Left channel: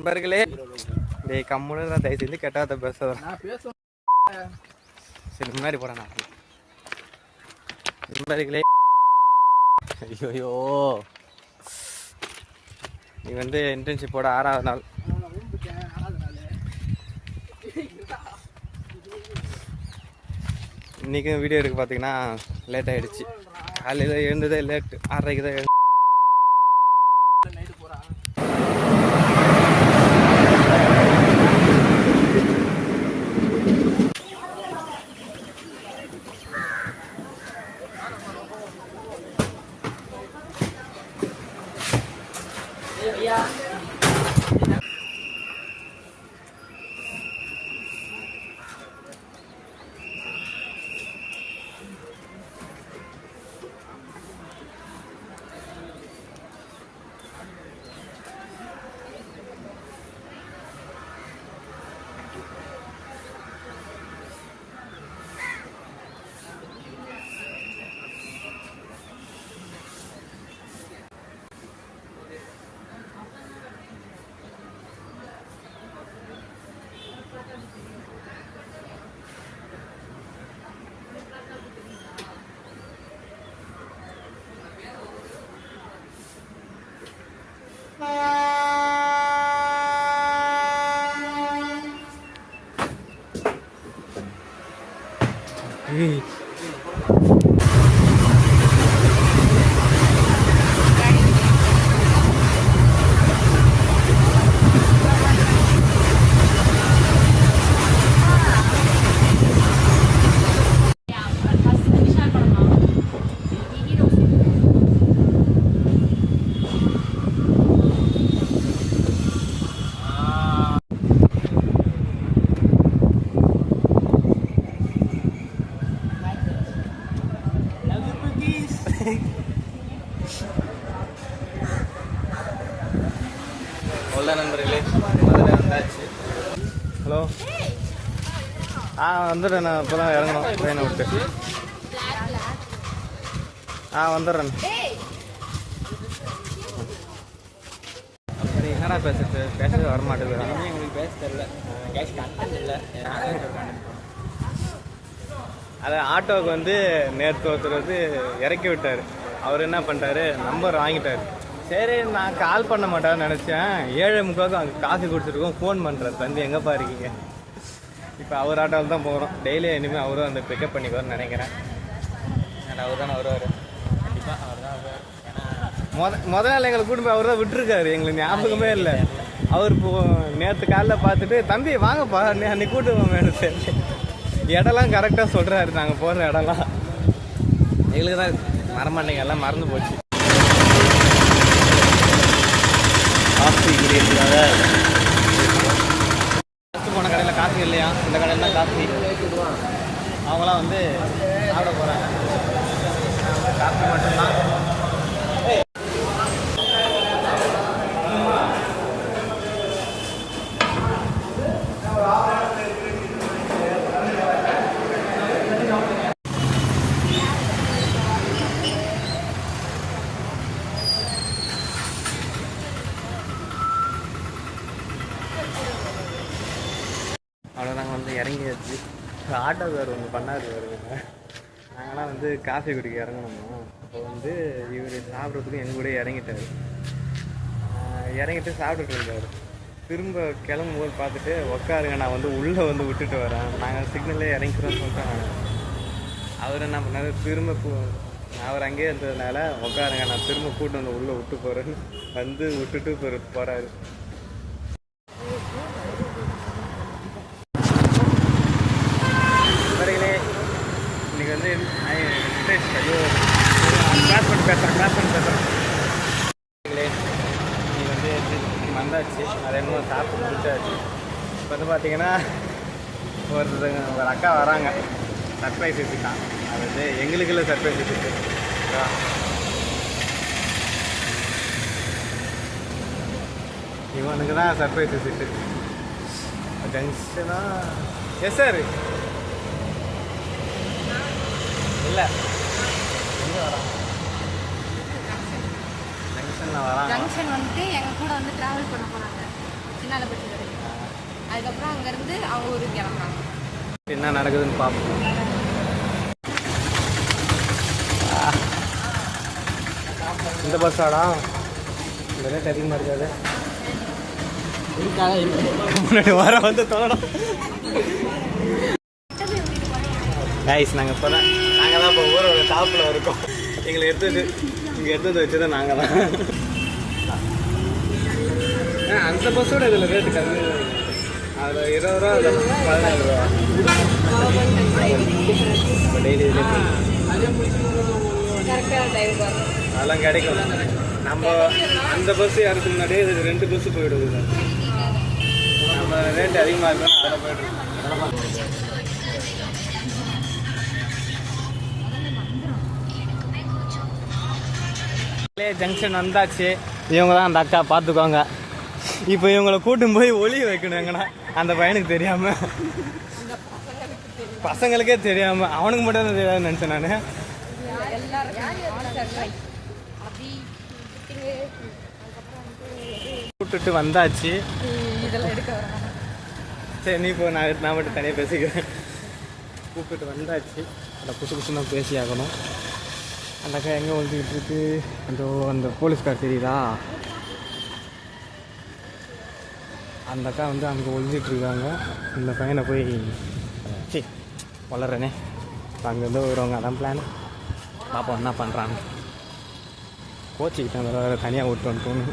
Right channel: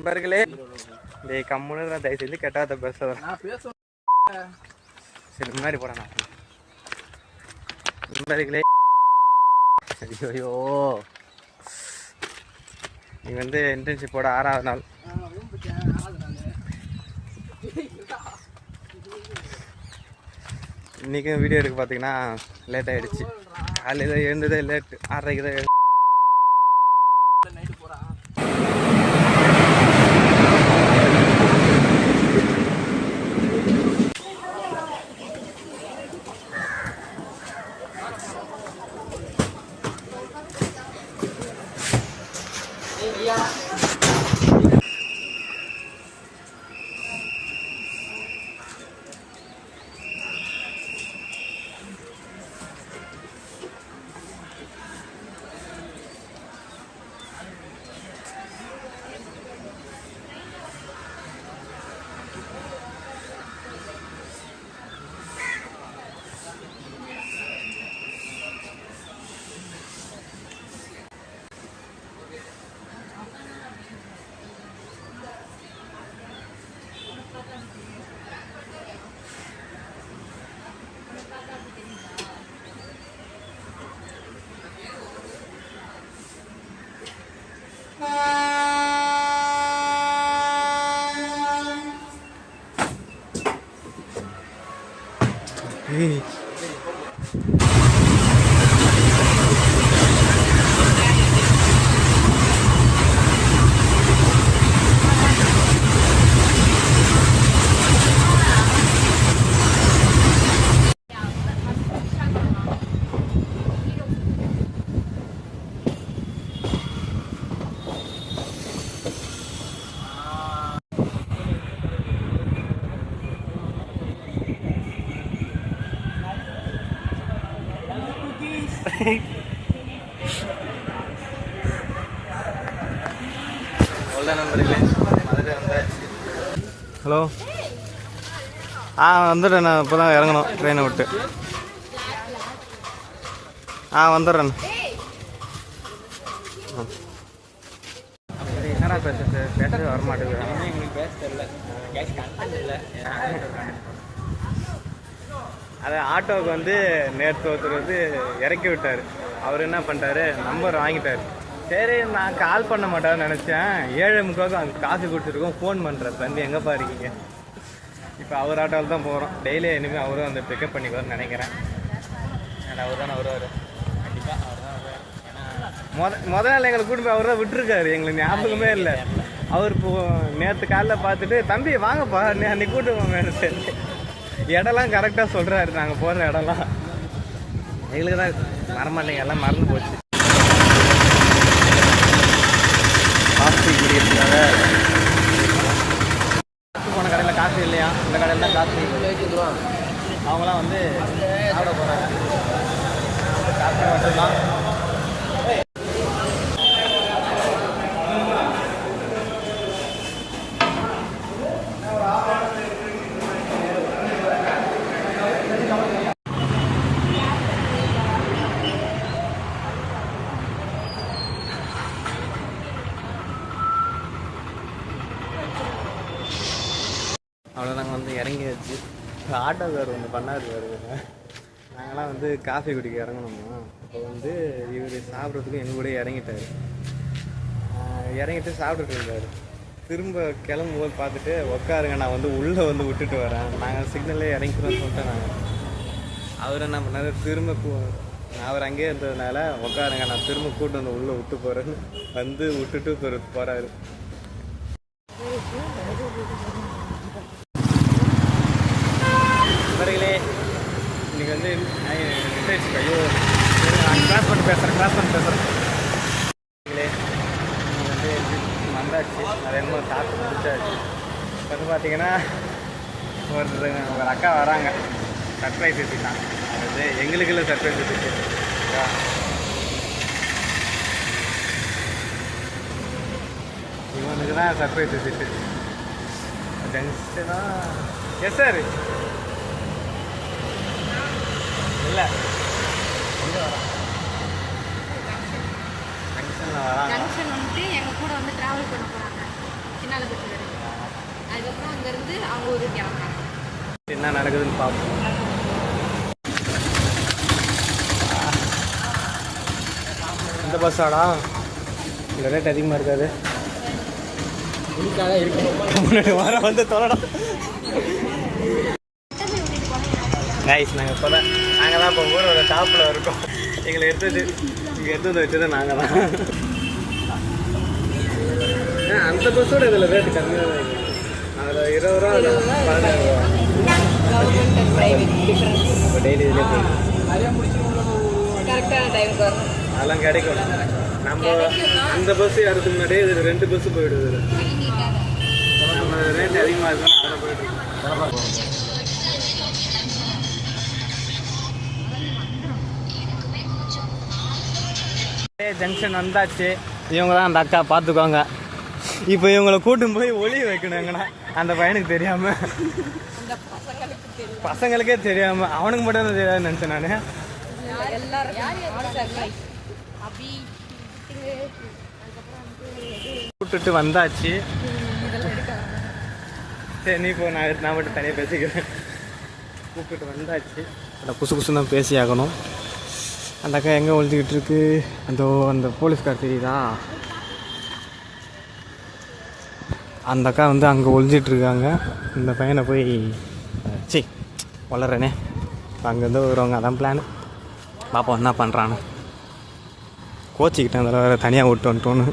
நண்பர்களே டேய் கம்முன்னு தான் தயவு செஞ்சு கெட்டாத பேசுறேன். சரி முன்னாடி போறேன் நான். நண்பர்களே ஐயோ நீ வந்து இன்டர்ன்ஷிப்போட 6வது நாள். இன்றைக்கும் வீடியோ எடுக்க பார்த்தீங்கன்னா லேட் ஆகிடுச்சு. காலையில் எழுந்ததே லேட்டு, 6:30க்கு தான் எழுந்து. Hey. நண்பர்களே அதில் வந்தாச்சு. ஹலோ வந்துடுறேன். நான் இப்போ தான் இறங்கணும் ட்ரெயினை விட்டு. வந்துடுறேன். அப்படி என்னடா பேசவே வரமாட்டேங்கிறான். அது ஆட்டோவுக்கு வந்து நேற்று ஒருத்தர் வந்து இறக்கி விட்டார். அவர் என்ன பண்ணிட்டாரு, நம்பர் வாங்கிட்டார். சரி நான் கால் பண்ண மாட்டேன்னு நினச்சேன். 7:45 அதுக்கு காசு கொடுத்துருக்கோம். ஃபோன் பண்ணுறாரு, தம்பி எங்கேப்பா இருக்கீங்க? இப்போ அவர் ஆட்டோவில் தான் போகிறோம். டெய்லி இனிமேல் அவரும் அந்த பிக்கப் பண்ணிக்குவார்னு நினைக்கிறேன். அவர் தானே வருவார் கண்டிப்பாக. அவர் தான் முதல் நாள் எங்களை கூட்டு போய் அவர் தான் விட்டுருக்காரு. எங்களுக்கு ஞாபகமே இல்லை. அவர் இப்போ நேற்று காலையில் பார்த்துட்டு தம்பி வாங்கப்பா அன்னைக்கு கூட்டு போவேன். சரி இடம்லாம் கரெக்டாக சொல்கிறாரு. நாங்கள் போகிற இடம்லாம் எங்களுக்கு தான் மறமாட்டேங்க, எல்லாம் மறந்து போச்சு. காஃபி குடிக்கிறதுக்காக அடுத்து போன கடையில் காஃபி இல்லையா, இந்த கடையில் தான் காஃபி. அவங்களாம் வந்து சாப்பிட போகிறாங்க. நான் வந்து காஃபி மட்டும்தான். அவ்வளோ நாங்கள் வந்து இறங்கியாச்சு. ஆட்டோக்கார் ஒன்று பண்ணாரு வருங்க. நாங்களாம் வந்து காஃபி குடிக்க இறங்கணுமா. அப்போ வந்து இவர் சாப்பிட்றதுக்கு எங்கள் கூட இறங்கிட்டார். இறங்கிட்டு சாப்பிட்டுட்டு இருந்தார். திரும்ப கிளம்பும்போது பார்த்துட்டு உட்காருங்க நான் வந்து உள்ளே வந்து விட்டுட்டு வரேன், நாங்கள் சிக்னல்லே இறங்கிக்கிறோன்னு சொல்லிட்டேன். நாங்கள் அவர் என்ன பண்ணார், திரும்ப அவர் அங்கேயே இருந்ததுனால உட்காருங்க நான் திரும்ப கூட்டு வந்து உள்ளே விட்டு போகிறேன்னு வந்து விட்டுட்டு போகிறாரு. நண்பர்களே இன்றைக்கி வந்து ஐயோ நான் கிளாஸ் பண்ணி பேசுகிறேன். இன்றைக்கி வந்து வந்தாச்சு. அது என்னமோ சாப்பிட்டு முடிச்சாச்சு. இப்போ வந்து பார்த்தீங்கன்னா ஒரு அக்கா வராங்க. சர்ப்ரைஸ் வச்சுட்டான். அது வந்து எங்களுக்கு இல்லை, சர்ப்ரைஸ் வச்சுட்டு இவனுக்கு தான் சர்ப்ரைஸ் வச்சுட்டு ஜங்ஷனா. எஸ் சார் இல்லை எங்கே வராங்க? ஜங்ஷனில் வராங்க. ஜங்ஷன் வந்துட்டு எங்கள் கூட வந்து ட்ராவல் பண்ண போகிறாங்க. சின்ன அதுக்கப்புறம் அங்கேருந்து அவங்க ஊருக்கு கிளம்புறாங்க. என்ன நடக்குதுன்னு பார்ப்போம். இந்த பஸ்ஸாடா? இந்த ரேட் அதிகமாக இருக்காது. முன்னாடி வர வந்து தொலைடும். கைஸ் நாங்கள் இப்போ தான் இப்போ ஊரோட டாப்பில் இருக்கோம். எங்களை எடுத்தது வச்சது நாங்கள் தான். அந்த பஸ்ஸோட இதில் ரேட்டு கம்மியாக, அதில் 20 ரூபா, அதில் 17 ரூபா. அப்போ டெய்லி இதிலே போயிடும். அதெல்லாம் கிடைக்கும். நம்ம அந்த பஸ் ஏறதுக்கு முன்னாடியே இது 2 பஸ்ஸு போயிடுது. நம்ம ரேட்டு அதிகமாக இருக்குன்னா அதில் போயிட்டுருக்கோம். ஜங்ஷன் வந்தாச்சு. இவங்க தான் அந்த அக்கா, பார்த்துக்கோங்க. இப்போ இவங்களை கூட்டும் போய் ஒளிய வைக்கணும் எங்கன்னா அந்த பையனுக்கு தெரியாம, பசங்களுக்கே தெரியாம, அவனுக்கு மட்டும் தான் தெரியாதுன்னு நினைச்சேன் நான். கூப்பிட்டுட்டு வந்தாச்சு. சரி நீ போ, நான் மட்டும் தனியாக பேசிக்கிறேன். கூப்பிட்டு வந்தாச்சு. அந்த புசு புசு தான் பேசி ஆகணும். அந்த அக்கா எங்கே ஒழிஞ்சிக்கிட்டு இருக்கு? அந்த போலீஸ்கார் தெரியுதா? அந்த அக்கா வந்து அங்கே ஒழிஞ்சிட்டு இருக்காங்க. இந்த பையனை போய் வளர்றேனே, அங்கேருந்து வருவாங்க. அதான் பிளான். பாப்பா என்ன பண்ணுறான்னு. கோச்சிக்கிட்டேன், அதில் வேறு தனியாக விட்டு வந்துட்டோன்னு.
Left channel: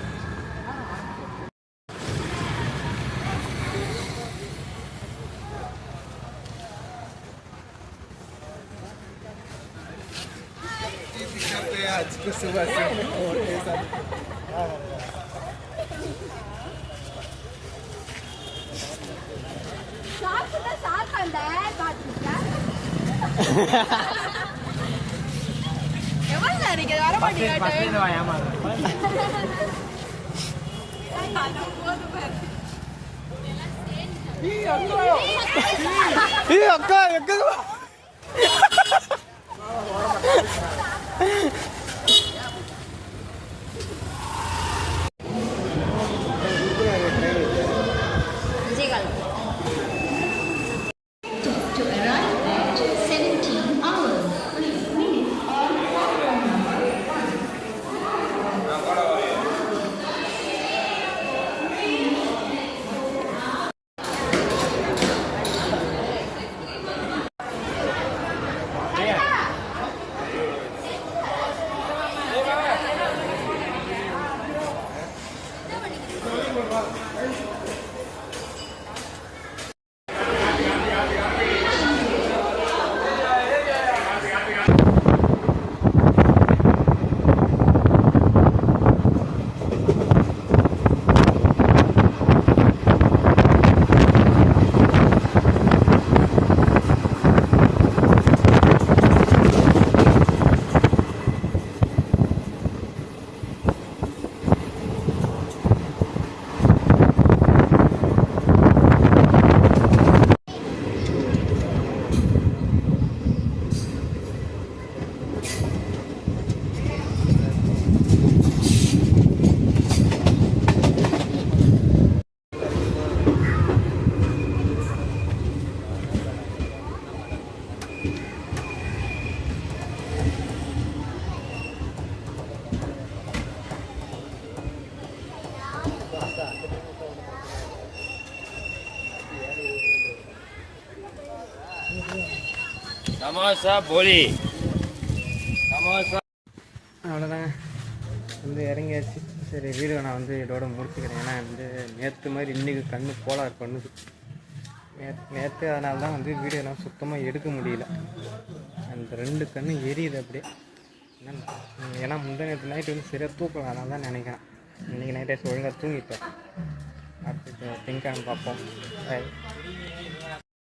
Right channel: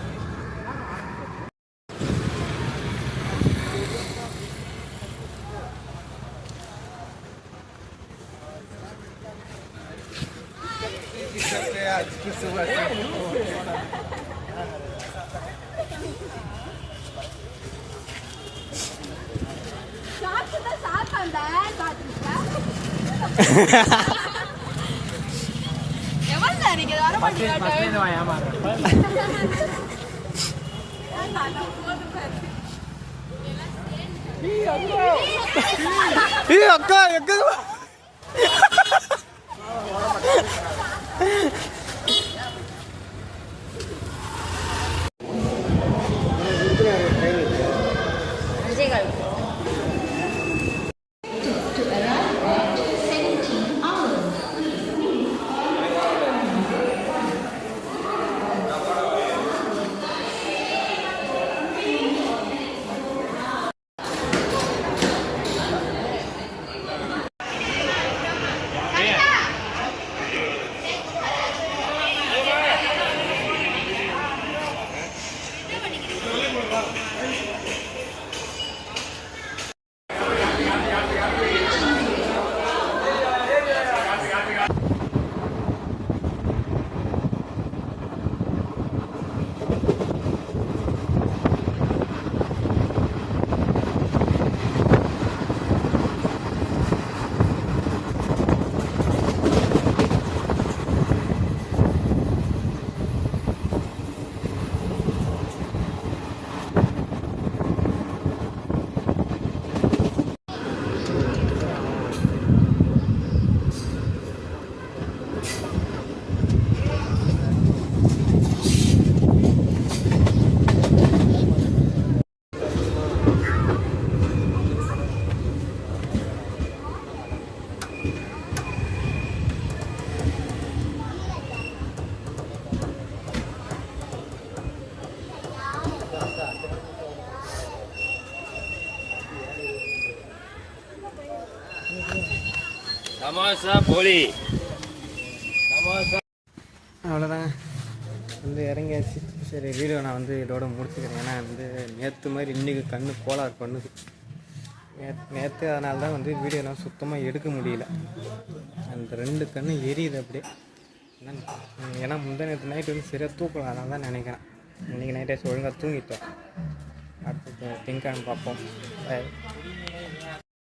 அக்கா அவ்வளோதான் வந்து இறங்கியாச்சு. சரி வீடியோ நான் வந்து இதோட முடிச்சுக்கிறேன். ஏன்னா வந்து நேற்று மாதிரி இன்றைக்கி கண்ணு கோளாறு பண்ணுது. நேற்று அதனால தான் வந்து வீடியோலாம் சுத்தமாக எடுக்க முடியல. அந்த 2 கண்ணு எரியுது அப்படியே. ஏன்னா முந்தா நேற்று நைட்டு வந்து சரியாக தூக்கலாம். அதனால தான் நினைக்கிறேன். இன்றைக்கி நைட்டே ஒழுங்காக தூங்கிட்டேன். அடுத்து திங்கக்கிழமை பார்ப்போம்.